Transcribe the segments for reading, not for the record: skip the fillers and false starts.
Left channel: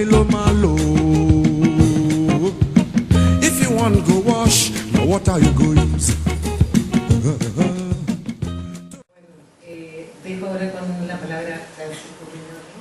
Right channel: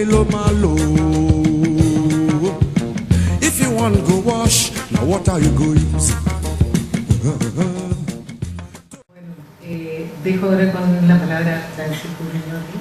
Milo Malo. If you want go wash, now what are you going to use? Dejo ahora con la palabra a Nancy Puglioni.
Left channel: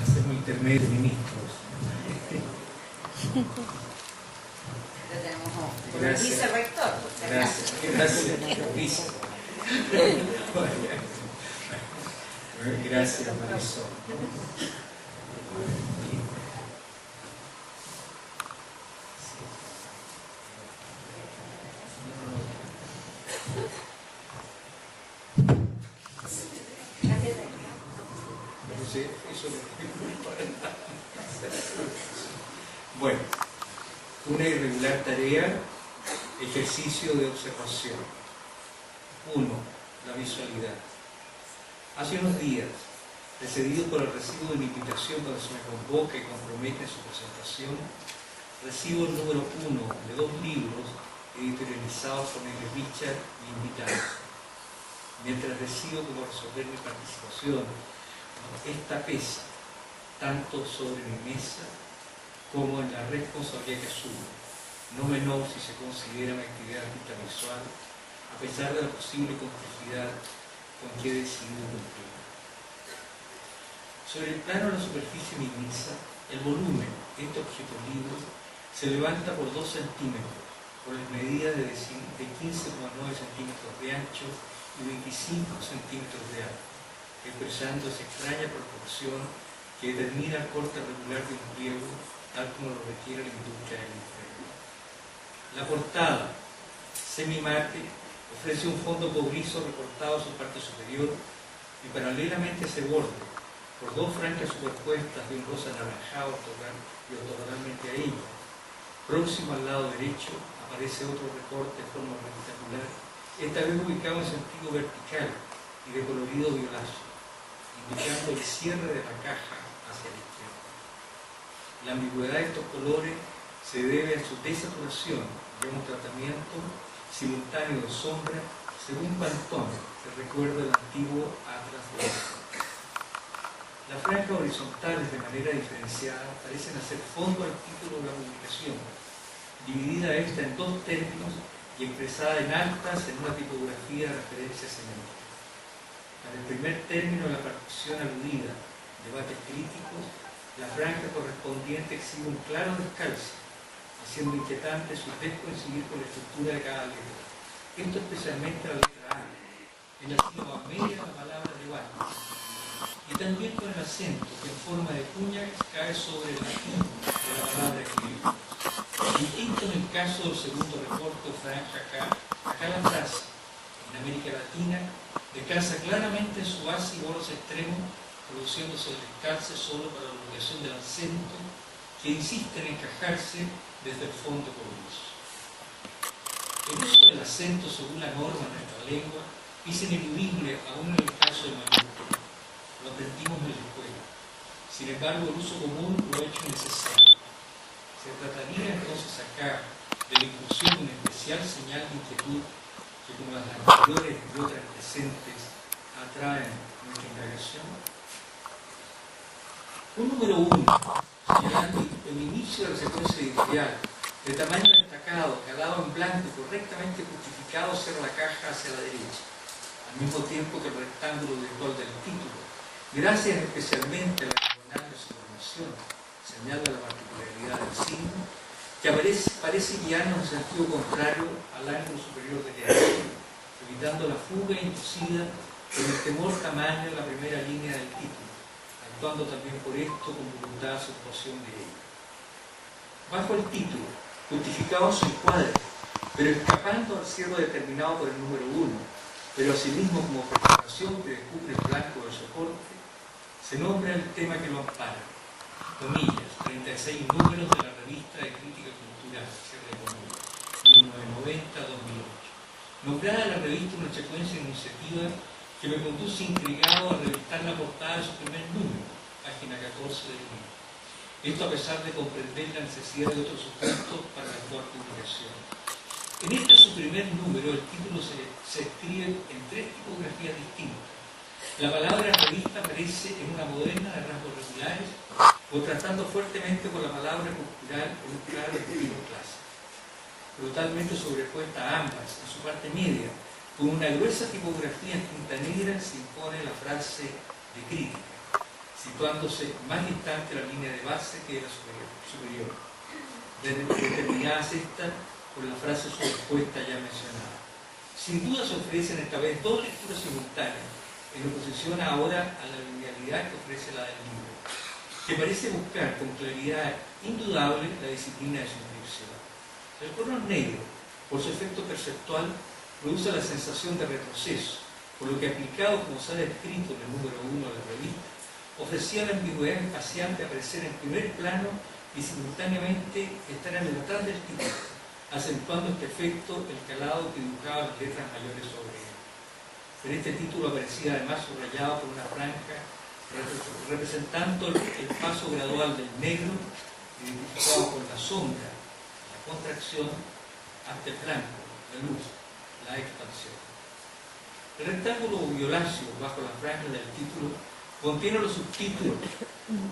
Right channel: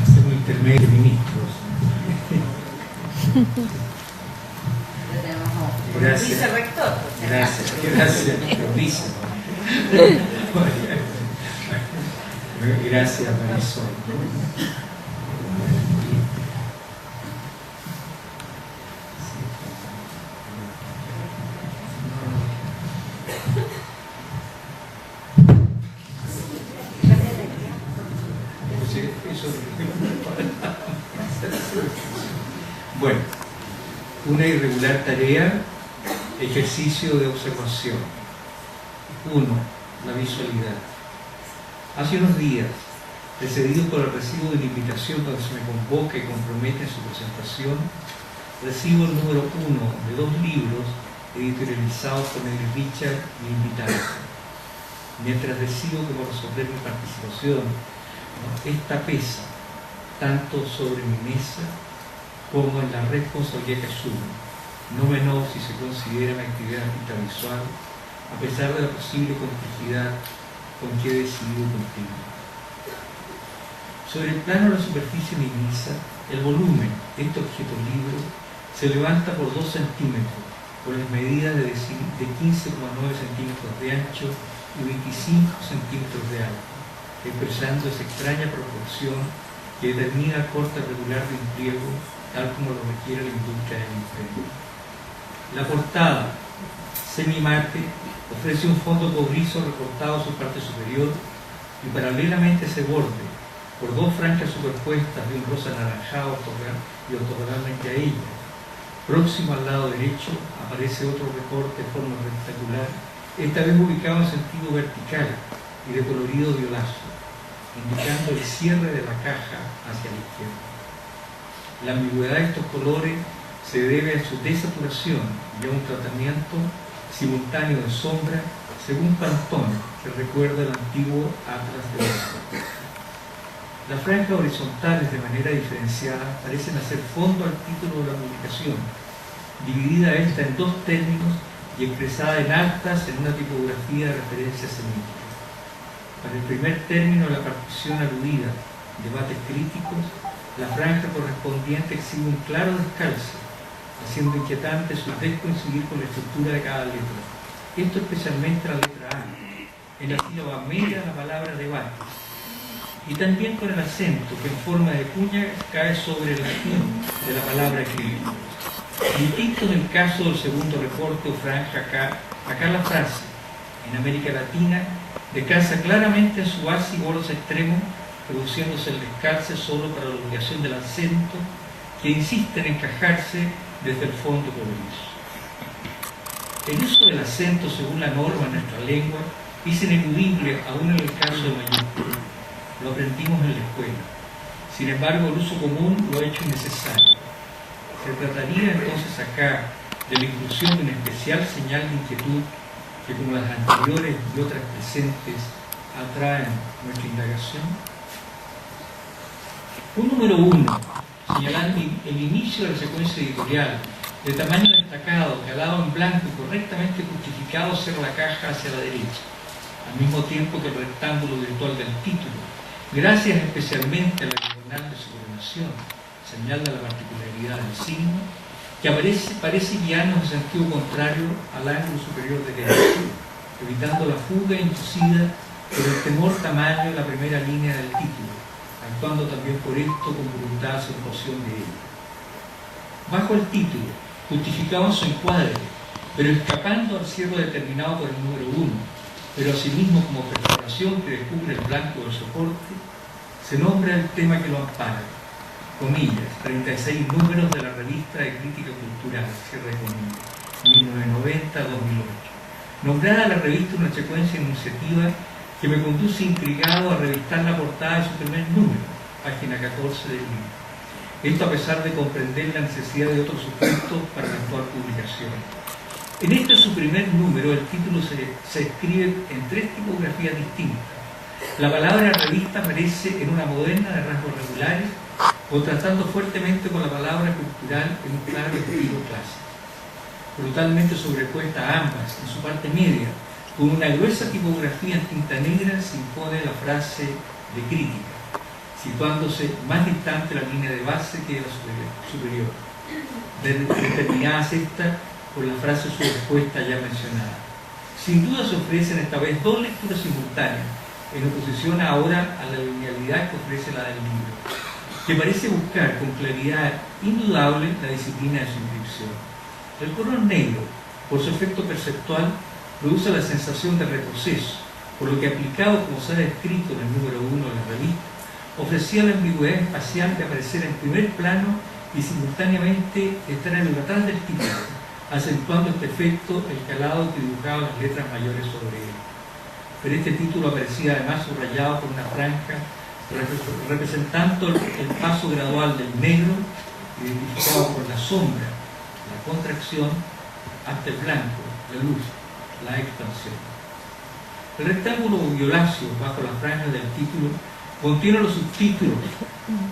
Hacemos intermedio, ministros. Gracias. Vicerrector. Gracias, gracias. Vice. Gracias, Marisol. Bueno, una irregular tarea, ejercicio de observación. 1. La visualidad. Hace unos días, precedido por el recibo de una invitación cuando se me convoca y compromete en su presentación, recibo el número 1 de 2 libros editorializados por Nelly Richard y invitados. Mientras decido cómo resolver mi participación, esta pesa tanto sobre mi mesa como en la responsabilidad que asumo, no menor si se considera mi actividad artística visual, a pesar de la posible complejidad con que he decidido cumplir. Sobre el plano de la superficie mimisa, el volumen de este objeto libro se levanta por 2 centímetros, por las medidas de 15,9 centímetros de ancho y 25 centímetros de alto, expresando esa extraña proporción que determina el corte regular de un pliego, tal como lo requiere la industria del imperio. La portada, semimate, ofrece un fondo cobrizo recortado a su parte superior y paralelamente a ese borde, por 2 franjas superpuestas de un rosa anaranjado y ortogonalmente a ella. Próximo al lado derecho aparece otro recorte de forma rectangular, esta vez ubicado en sentido vertical y de colorido violáceo, indicando el cierre de la caja hacia la izquierda. La ambigüedad de estos colores se debe a su desaturación y a un tratamiento simultáneo de sombra, según Pantone, que recuerda el antiguo Atlas de Oxford. Las franjas horizontales, de manera diferenciada, parecen hacer fondo al título de la publicación, dividida esta en 2 términos y expresada en altas en una tipografía de referencia semítica. Para el primer término de la partición aludida, debates críticos, la franja correspondiente exhibe un claro descalce, haciendo inquietante su descoincidir con la estructura de cada letra. Esto especialmente la letra A, en la sílaba media de la palabra debate, y también con el acento que en forma de cuña cae sobre el latín de la palabra escribir. Distinto en el caso del segundo recorte o franja acá la frase, en América Latina, descansa claramente en su base y bordes extremos, produciéndose el descalce solo para la obligación del acento, que insiste en encajarse desde el fondo cobrizo. El uso del acento según la norma en nuestra lengua es ineludible aún en el caso de mayúscula. Lo aprendimos en la escuela. Sin embargo, el uso común lo ha hecho innecesario. Se trataría entonces acá de la inclusión de una especial señal de inquietud que, como las anteriores y otras presentes, atraen nuestra indagación. Un número 1, señalando el inicio de la secuencia editorial, de tamaño destacado, calado en blanco y correctamente justificado cierra la caja hacia la derecha, al mismo tiempo que el rectángulo virtual del título, gracias especialmente a la diagonal de subordinación, señal de la particularidad del signo, que parece guiarnos en sentido contrario al ángulo superior derecho, evitando la fuga inducida por el temor tamaño de la primera línea del título, actuando también por esto con voluntad de acentuación de ella. Bajo el título, justificado en su encuadre, pero escapando al cierre determinado por el número 1, pero asimismo como preparación que descubre el blanco del soporte, se nombra el tema que lo ampara, comillas, 36 números de la revista de crítica cultural, cierre de comillas, 1990-2008. Nombrada la revista una secuencia iniciativa que me conduce intrigado a revistar la portada de su primer número, página 14 del libro. Esto a pesar de comprender la necesidad de otros supuestos para la actual publicación. En este su primer número, el título se escribe en 3 tipografías distintas, La palabra revista aparece en una moderna de rasgos regulares, contrastando fuertemente con la palabra cultural en un claro estilo clásico. Brutalmente sobrepuesta a ambas, en su parte media, con una gruesa tipografía en tinta negra, se impone la frase de crítica, situándose más distante la línea de base que la superior, determinadas esta por la frase sobrepuesta ya mencionada. Sin duda se ofrecen esta vez dos lecturas simultáneas, en oposición ahora a la linealidad que ofrece la del libro, que parece buscar con claridad indudable la disciplina de su inscripción. El color negro, por su efecto perceptual, produce la sensación de retroceso, por lo que aplicado como se ha descrito en el número 1 de la revista, ofrecía la ambigüedad espacial de aparecer en primer plano y simultáneamente estar en el atrás del título, acentuando este efecto el calado que dibujaba las letras mayores sobre él. Pero este título aparecía además subrayado por una franja representando el paso gradual del negro, identificado por la sombra, la contracción, hasta el blanco, la luz, la expansión. El rectángulo violáceo bajo la franja del título contiene los subtítulos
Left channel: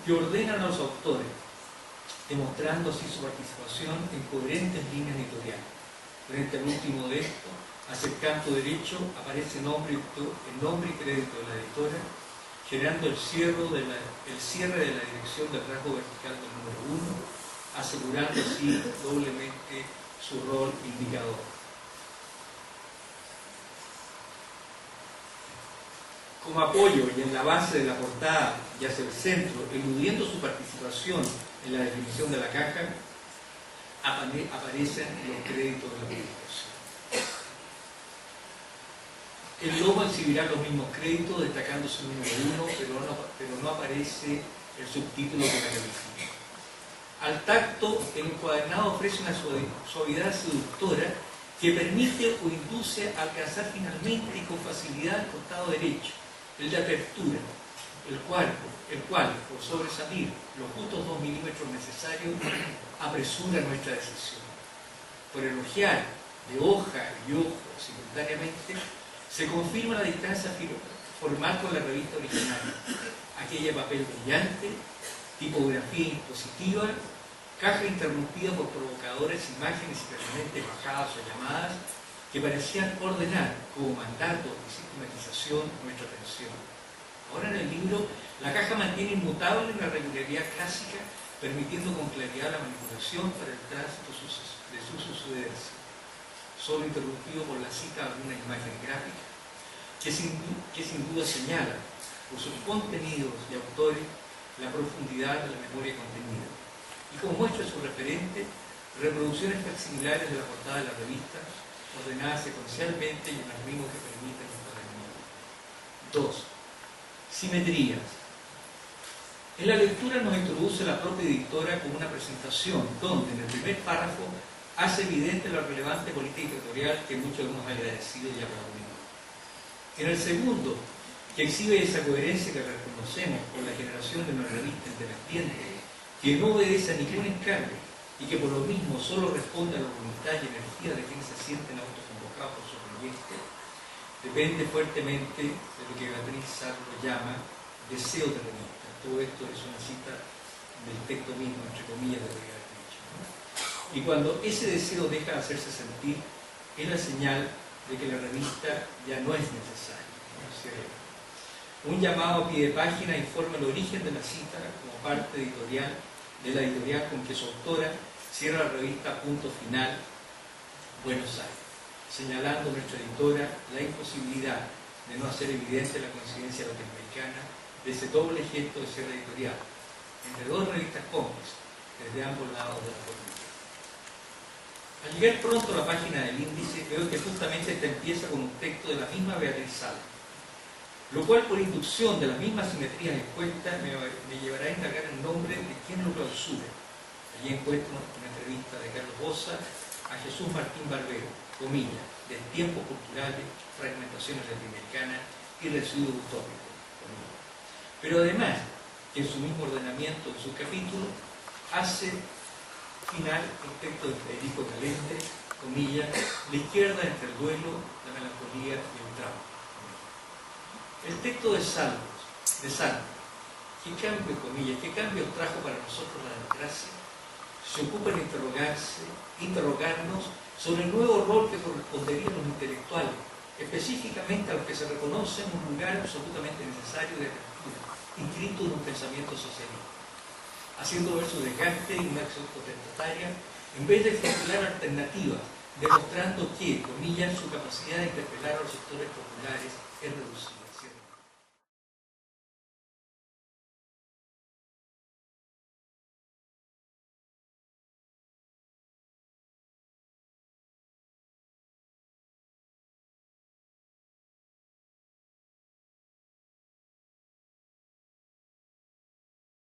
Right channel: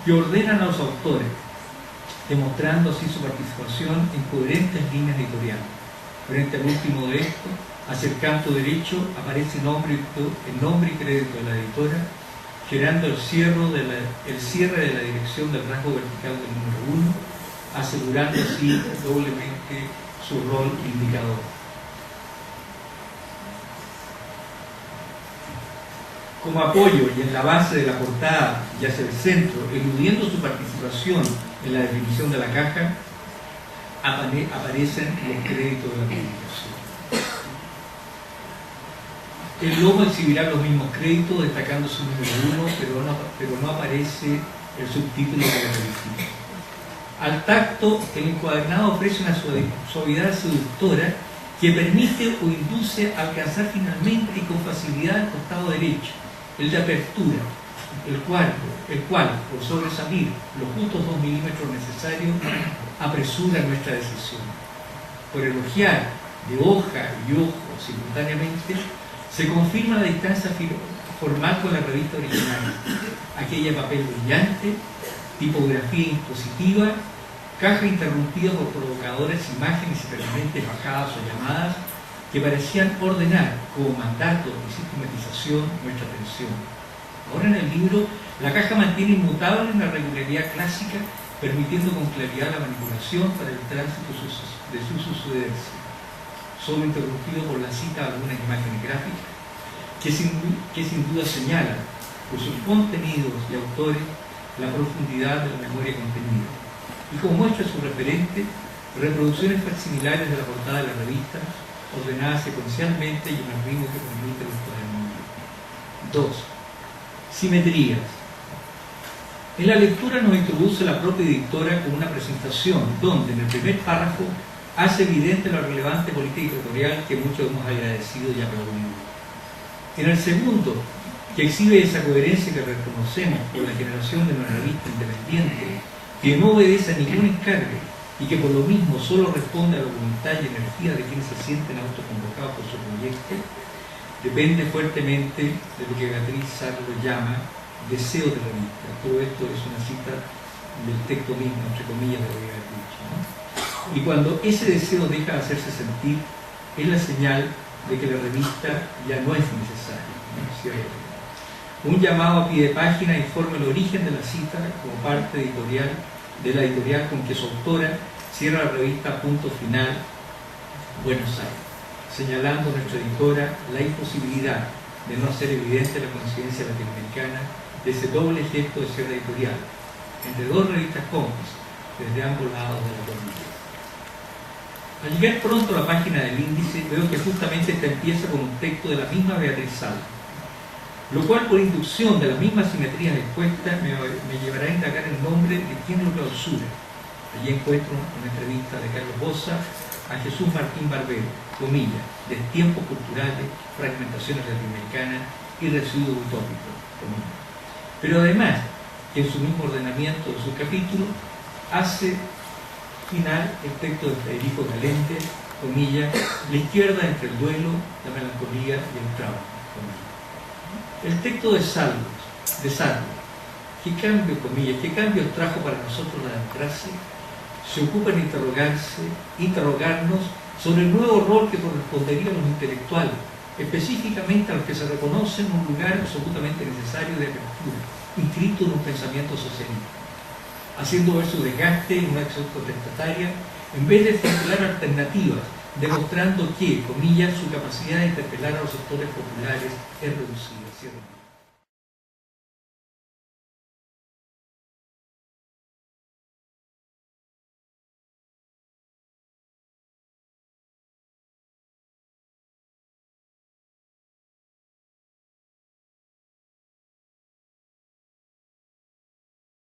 que ordenan a los autores, demostrando así su participación en coherentes líneas editoriales. Frente al último de estos, hacia el canto derecho, aparece el nombre y crédito de la editora, generando el cierre de la dirección del rasgo vertical del número 1, asegurando así doblemente su rol indicador. Como apoyo y en la base de la portada y hacia el centro, eludiendo su participación en la definición de la caja, aparecen los créditos de la publicación. El logo exhibirá los mismos créditos, destacando su número 1, pero no aparece el subtítulo de la revista. Al tacto, el encuadernado ofrece una suavidad seductora que permite o induce a alcanzar finalmente y con facilidad el costado derecho, el de apertura, el cual, por sobresalir los justos 2 milímetros necesarios, apresura nuestra decisión. Por elogiar de hoja y ojo simultáneamente, se confirma la distancia formal con la revista original, aquella de papel brillante, tipografía impositiva, caja interrumpida por provocadoras imágenes y permanentes bajadas o llamadas que parecían ordenar como mandato y sistematización nuestra atención. Ahora en el libro, la caja mantiene inmutable una regularidad clásica, permitiendo con claridad la manipulación para el tránsito de su sucederse, solo interrumpido por la cita de algunas imágenes gráficas que sin duda señalan por sus contenidos y autores la profundidad de la memoria contenida. Y como muestra su referente, reproducciones facsimilares de la portada de la revista, ordenadas secuencialmente y en el ritmo que permite el encuadernamiento. 2. Simetrías. En la lectura nos introduce la propia editora con una presentación donde en el primer párrafo hace evidente la relevante política editorial que muchos hemos agradecido y aplaudido. En el segundo, que exhibe esa coherencia que reconocemos por la generación de una revista independiente que no obedece a ningún encargo y que por lo mismo solo responde a la voluntad y energía de quienes se sienten autoconvocados por su proyecto, depende fuertemente de lo que Beatriz Sarlo llama deseo de revista. Todo esto es una cita del texto mismo, entre comillas, de Beatriz, ¿no? Y cuando ese deseo deja de hacerse sentir, es la señal de que la revista ya no es necesaria, ¿no? ¿Cierto? Un llamado a pie de página informa el origen de la cita como parte editorial de la editorial con que su autora cierra la revista Punto Final, Buenos Aires, señalando a nuestra editora la imposibilidad de no hacer evidente la coincidencia latinoamericana de ese doble gesto de cierre editorial entre dos revistas cómplices desde ambos lados de la cordillera. Al llegar pronto a la página del índice, veo que justamente esta empieza con un texto de la misma Beatriz Sarlo, lo cual por inducción de las mismas simetrías expuestas me llevará a indagar el nombre de quien lo clausura. Allí encuentro una entrevista de Carlos Boza a Jesús Martín Barbero, comillas, Destiempos culturales, fragmentaciones latinoamericanas y residuos utópicos, comillas. Pero además, que en su mismo ordenamiento de su capítulo, hace final el texto de Federico Galente, comillas, la izquierda entre el duelo, la melancolía y el trauma, comillas. El texto de Salmos, ¿qué cambio, comillas, qué cambios trajo para nosotros la democracia? Se ocupa en interrogarnos sobre el nuevo rol que correspondería a los intelectuales, específicamente a los que se reconocen un lugar absolutamente necesario de apertura, inscrito en un pensamiento socialista, haciendo ver su desgaste en una acción contestataria, en vez de formular alternativas, demostrando que, comillas, su capacidad de interpelar a los sectores populares es reducida.